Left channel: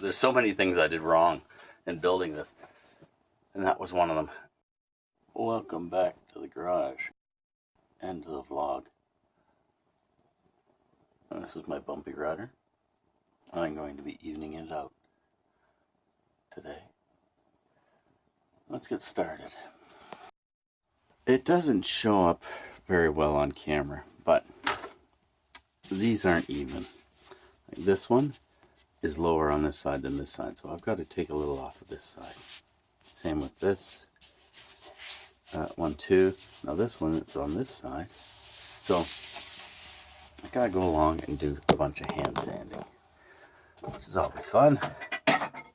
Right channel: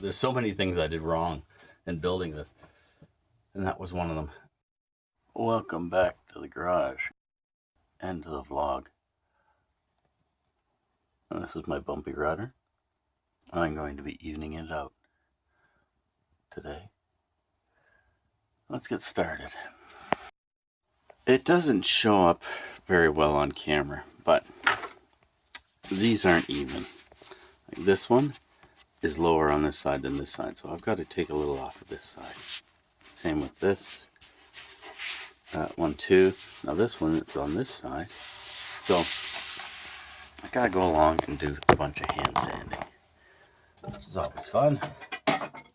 There's so many things I did wrong in building this, and that was one of them. Welcome back to the garage and to the vlog. And this is my bumpy rider. I'm going to be evening it out today. Let's get started. It doesn't show up very well on camera, but these aren't even. Like this one is lower on this side than this side, so I've got to take a little off of this side. Same with this. That one too. Now this one is on this side, so I gotta go along and do a bunch of hand sanding, which is always fun.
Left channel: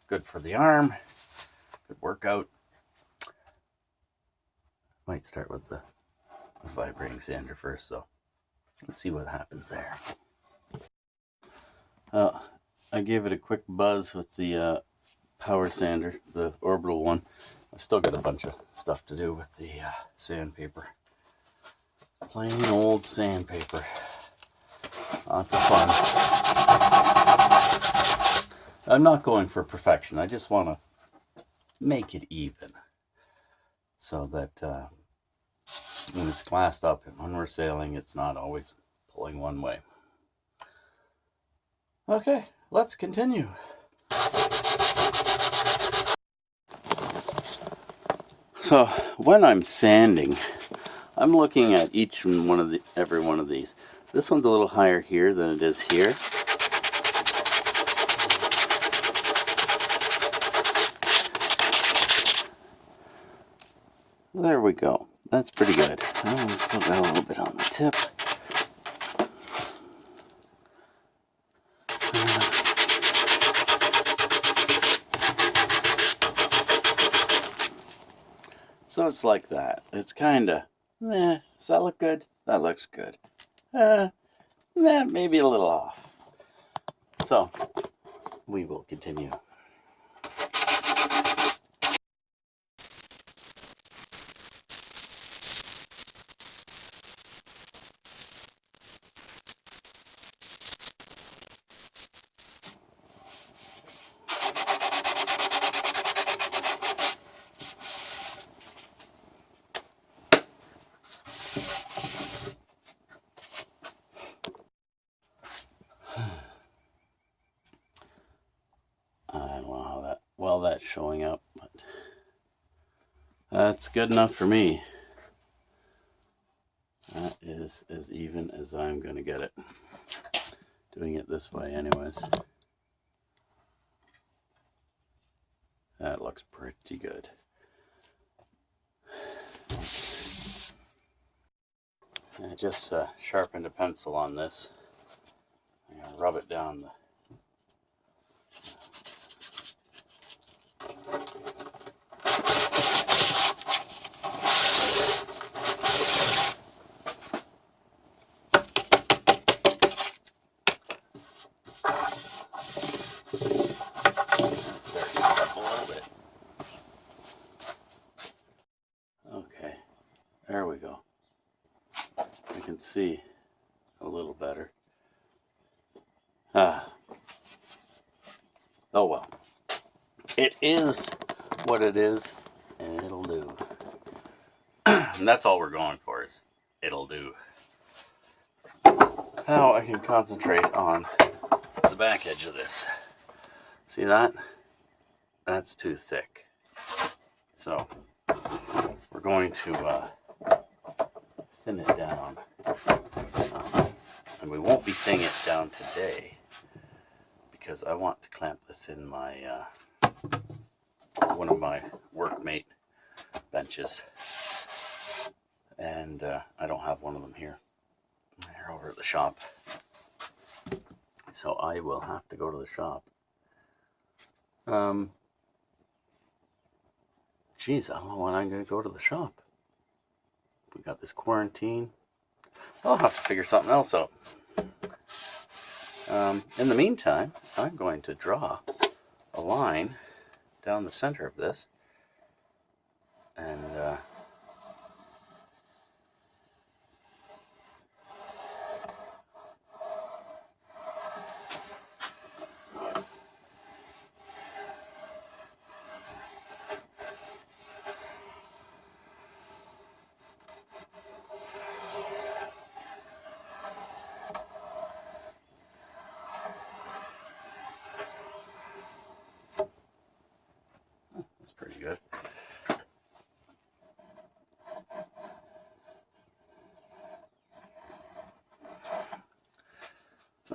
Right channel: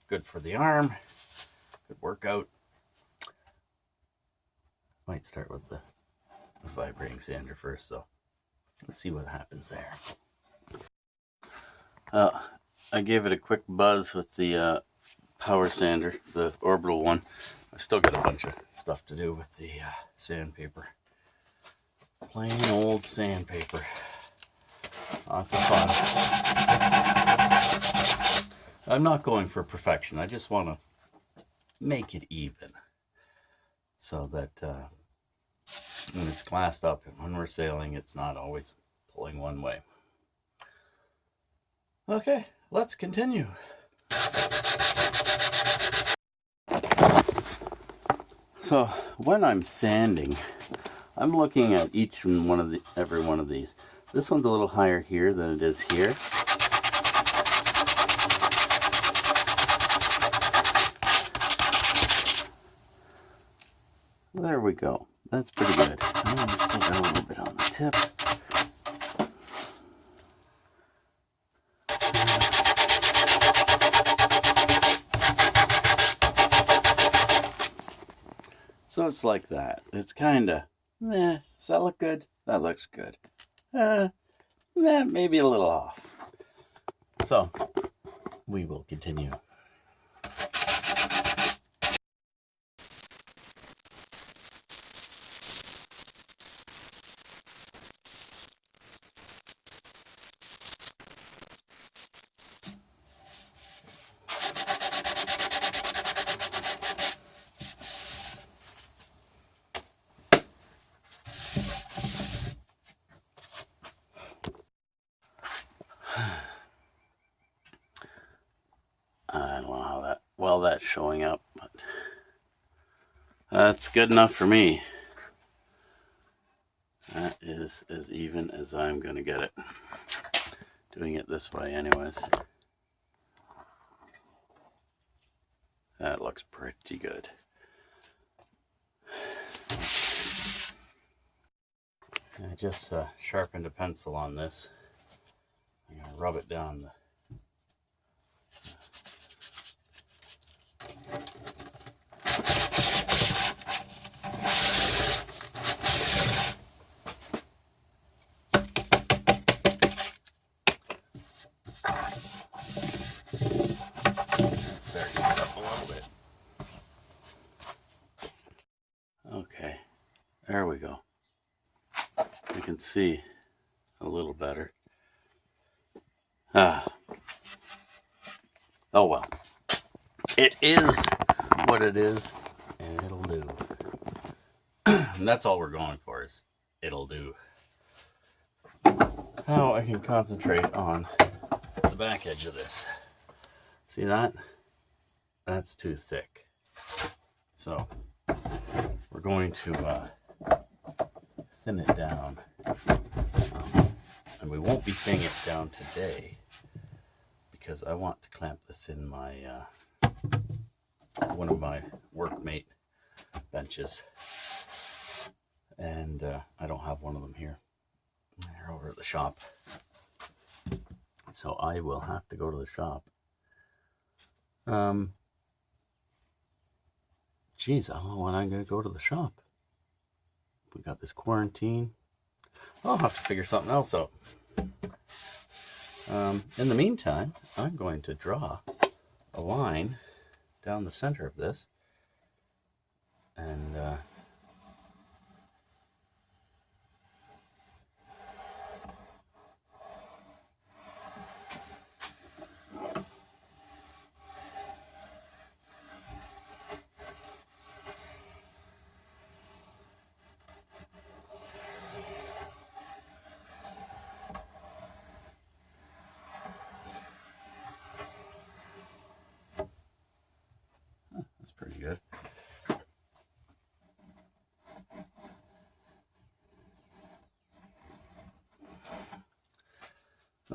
Good for the arm. Good workout. Might start with the vibrating sander first, so let's see what happens there. I gave it a quick buzz with the power sander, the orbital one. I still got a bunch of stuff to do with the sandpaper. Plain old sandpaper. Lots of fun. I'm not going for perfection. I just want to make it even so that when it's glassed up and when we're sailing, it's not always pulling one way. Okay, let's continue. So when I'm sanding, I'm looking at every one of these. This one's a little higher here than it is here. There we go. That's pretty good. I still got a little bit on the tip. So it's like that. It's kind of, does that look good? That looks good. Maybe a little off. So, we will continue. I don't know how well that's showing up, but that's good enough for me. That is as even as I'm going to get it. Doing it this way anyways. That looks pretty good. I just sharpened a pencil on this. I'm going to rub it down the Okay, there we go. You can see a little better. Oh well. It is what it is, and it'll do. And that's all we're going for is it'll do. Now I can concentrate on the back edge of this. See that? That's too thick. So we're going to thin it down. And we won't be thinning it down today because I want to clamp this in my one of my workmate benches. And I don't have one of them here. They're over at the shop. So I will have to go to the shop. Geez, I don't know when I'm going to go to the shop. We got this quarantine. I'll have to figure something else out. In the meantime, I'm going to draw a line down the center of this. And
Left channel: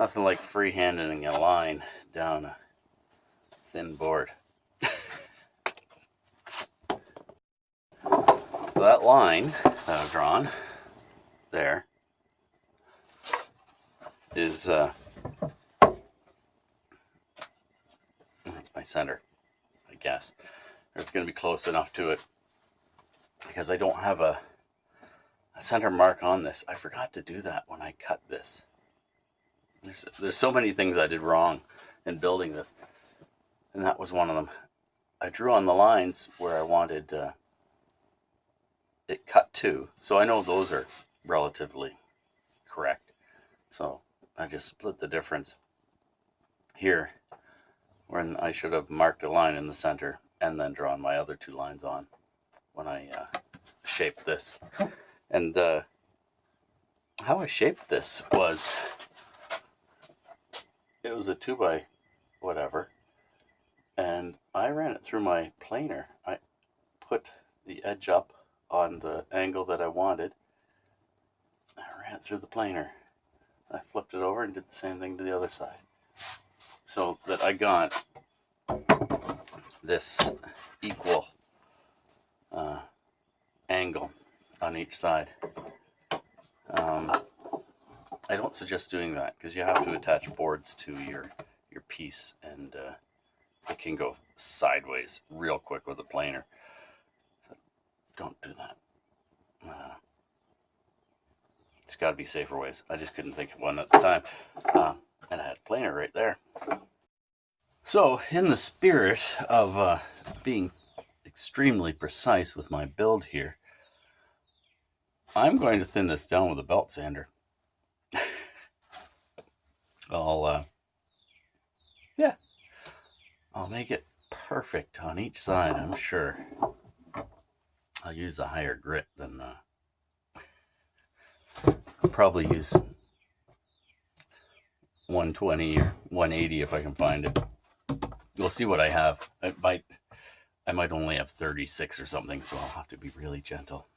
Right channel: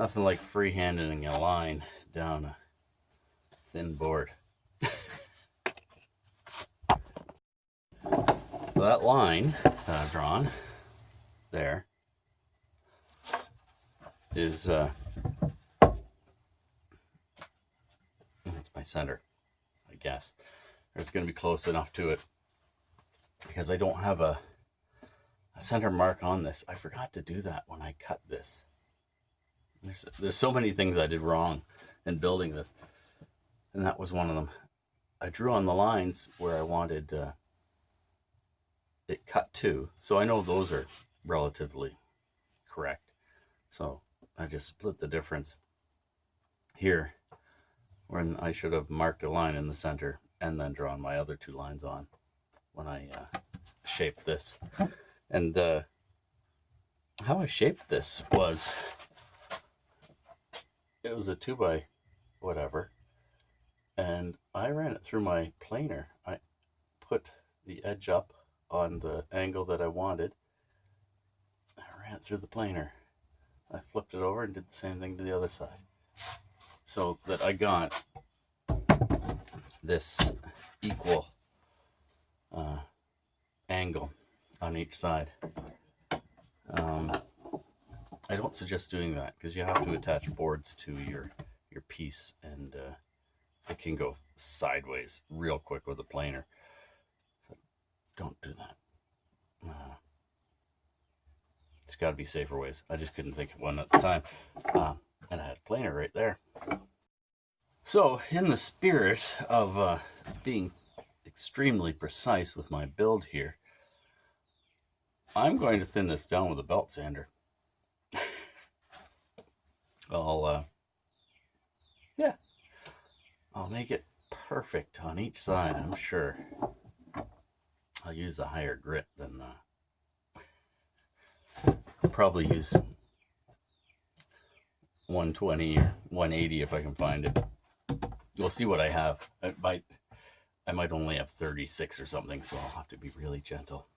Nothing like freehanding a line down a thin board. So that line that I've drawn there is that's my center, I guess. It's going to be close enough to it because I don't have a center mark on this. I forgot to do that when I cut this. There's so many things I did wrong in building this, and that was one of them. I drew on the lines where I wanted it cut to, so I know those are relatively correct. So I just split the difference here when I should have marked a line in the center and then drawn my other two lines on when I shaped this. And how I shaped this was, it was a 2x whatever, and I ran it through my planer. I put the edge up on the angle that I wanted. I ran it through the planer. I flipped it over and did the same thing to the other side, so that I got this equal angle on each side. I don't suggest doing that because you have to attach boards to your piece, and it can go sideways real quick with a planer. So don't do that. There's got to be safer ways. I just couldn't think of one at the time, and I had a planer right there. So in the spirit of being extremely precise with my build here, I'm going to thin this down with a belt sander. I'll make it perfect on each side, I'm sure. I'll use a higher grit than I'll probably use 120 or 180 if I can find it. We'll see what I have. I might only have 36 or something, so I'll have to be really gentle.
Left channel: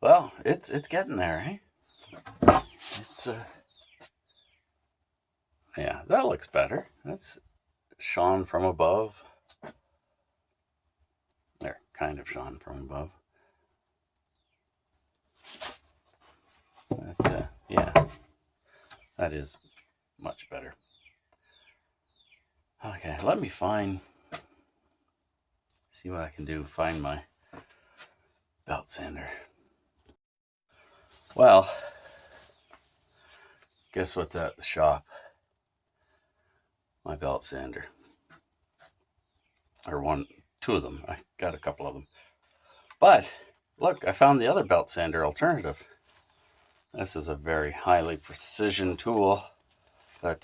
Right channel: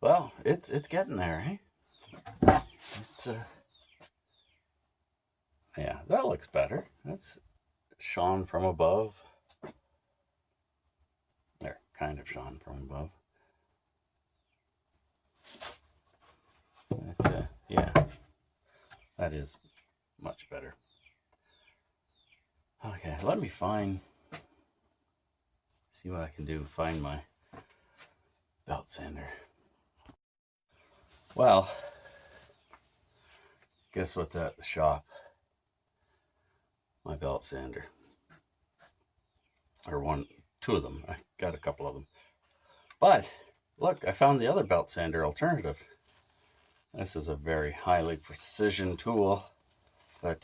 Well, it's getting there, eh? It's yeah, that looks better. That's shone from above. There, kind of shone from above. But, yeah, that is much better. Okay, let me see what I can do, find my belt sander. Well, guess what's at the shop? My belt sander. Or two of them. I got a couple of them. But, look, I found the other belt sander alternative. This is a very highly precision tool that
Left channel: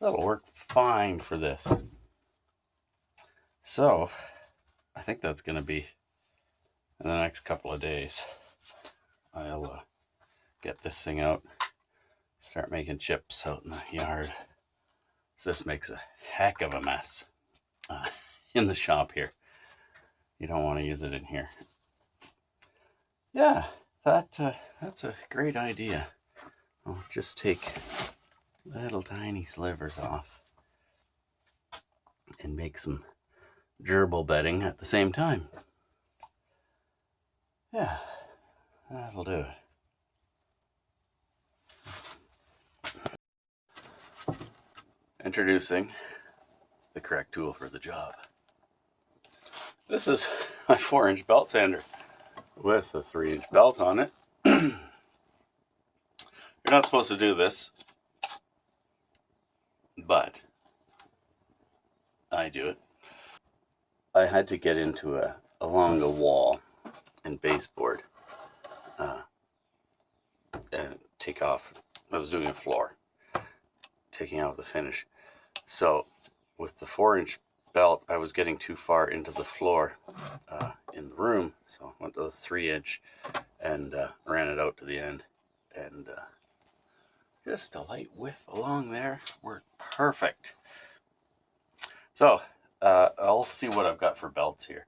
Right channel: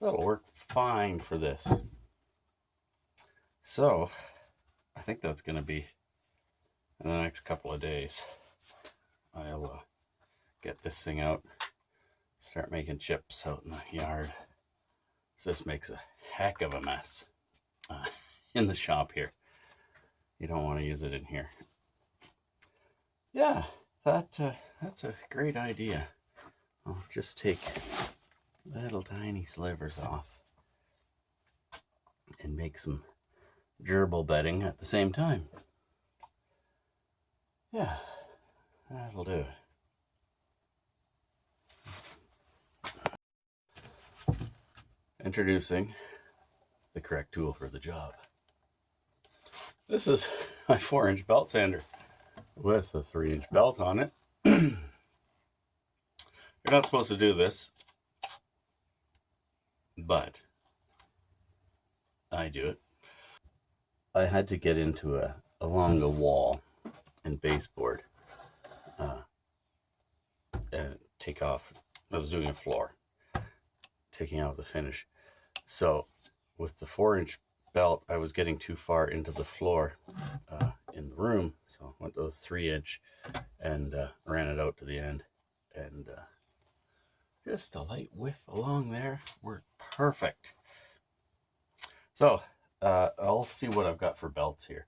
that'll work fine for this. So, I think that's going to be in the next couple of days. I'll get this thing out, start making chips out in the yard. So this makes a heck of a mess in the shop here. You don't want to use it in here. Yeah, that's a great idea. I'll just take little tiny slivers off and make some gerbil bedding at the same time. Yeah, that'll do it. Introducing the correct tool for the job. This is my 4-inch belt sander with a 3-inch belt on it. You're not supposed to do this, but I do it. I had to get into along a wall and baseboard and take off. I was doing a floor, taking out the finish. So with the 4-inch belt, I was getting too far into the floor in the room, so I went to the 3-inch and ran it out to the end, and just a light whiff along there worked perfect. So I'll see what I've got for belts here.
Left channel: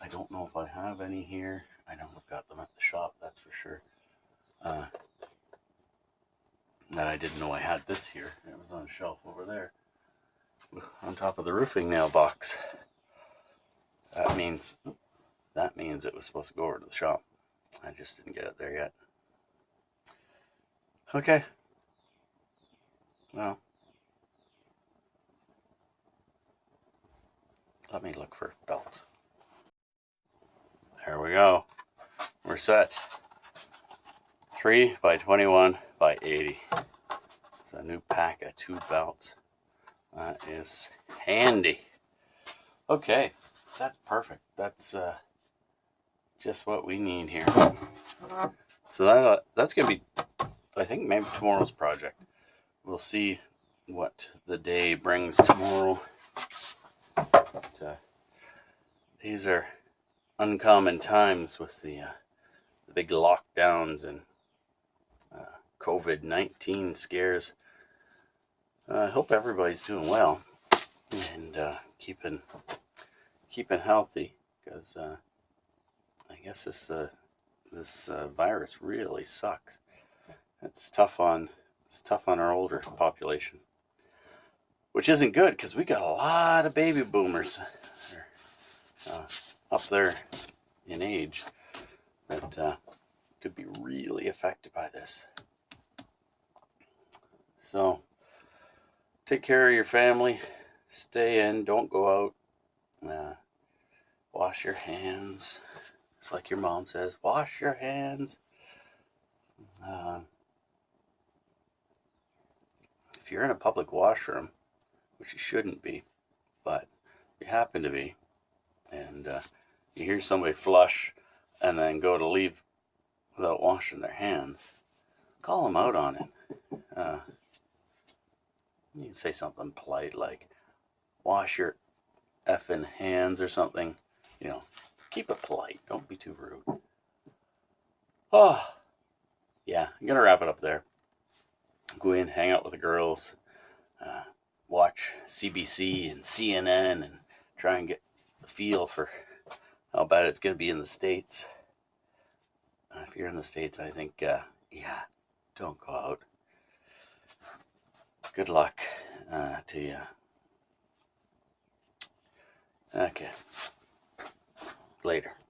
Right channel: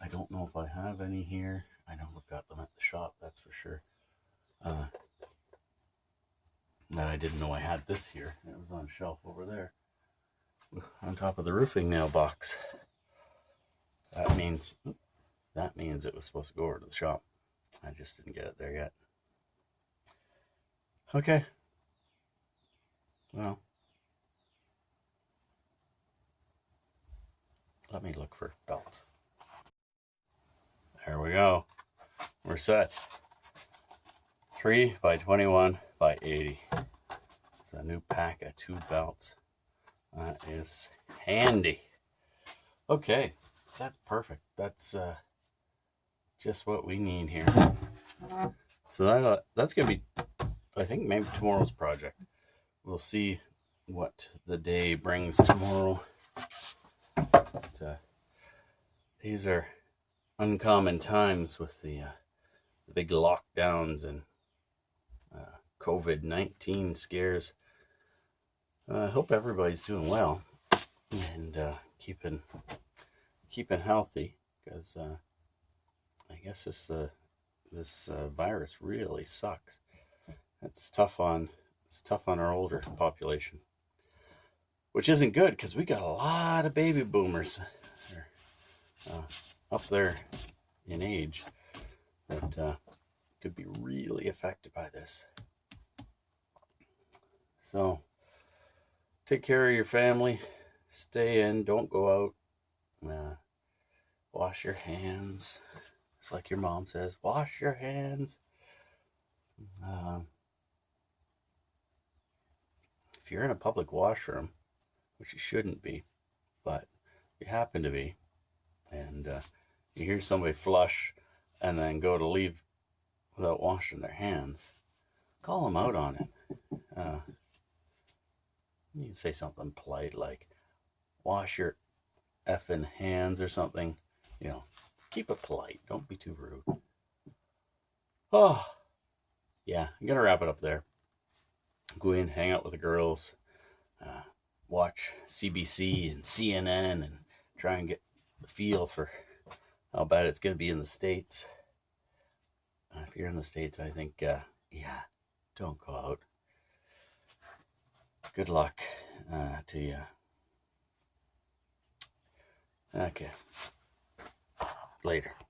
I don't know if I have any here. I know we've got them at the shop, that's for sure. That I didn't know I had this here. It was on a shelf over there, on top of the roofing nail box. That means it was supposed to go over to the shop. I just didn't get it there yet. Okay. Well, let me look for belts. There we go. We're set. 3 by 21 by 80. It's a new pack of 2 belts. That is handy. Okay, that's perfect. That's just what we need here. So that's gonna be, I think, maybe tomorrow's project. We'll see what the day brings tomorrow. But, these are uncommon times with the big lockdowns and COVID-19 scares. I hope everybody's doing well and keeping healthy, because I guess this virus really sucks. It's tough on our older population, which isn't good because we got a lot of baby boomers up there in age that could be really affected by this. So take care of your family, stay in, don't go out, wash your hands. It's like your mom says, wash your hands. If you're in a public washroom, which you shouldn't be, but you happen to be, and you hear somebody flush and then go to leave without washing their hands, call them out on it. You can say something polite like, wash your effing hands or something. Keep it polite. Don't be too rude. Oh, yeah, I'm going to wrap it up there. Go in, hang out with the girls, watch CBC and CNN, and try and get the feel for how bad it's going to be in the States. If you're in the States, I think, don't go out. Good luck to you. Okay. Later.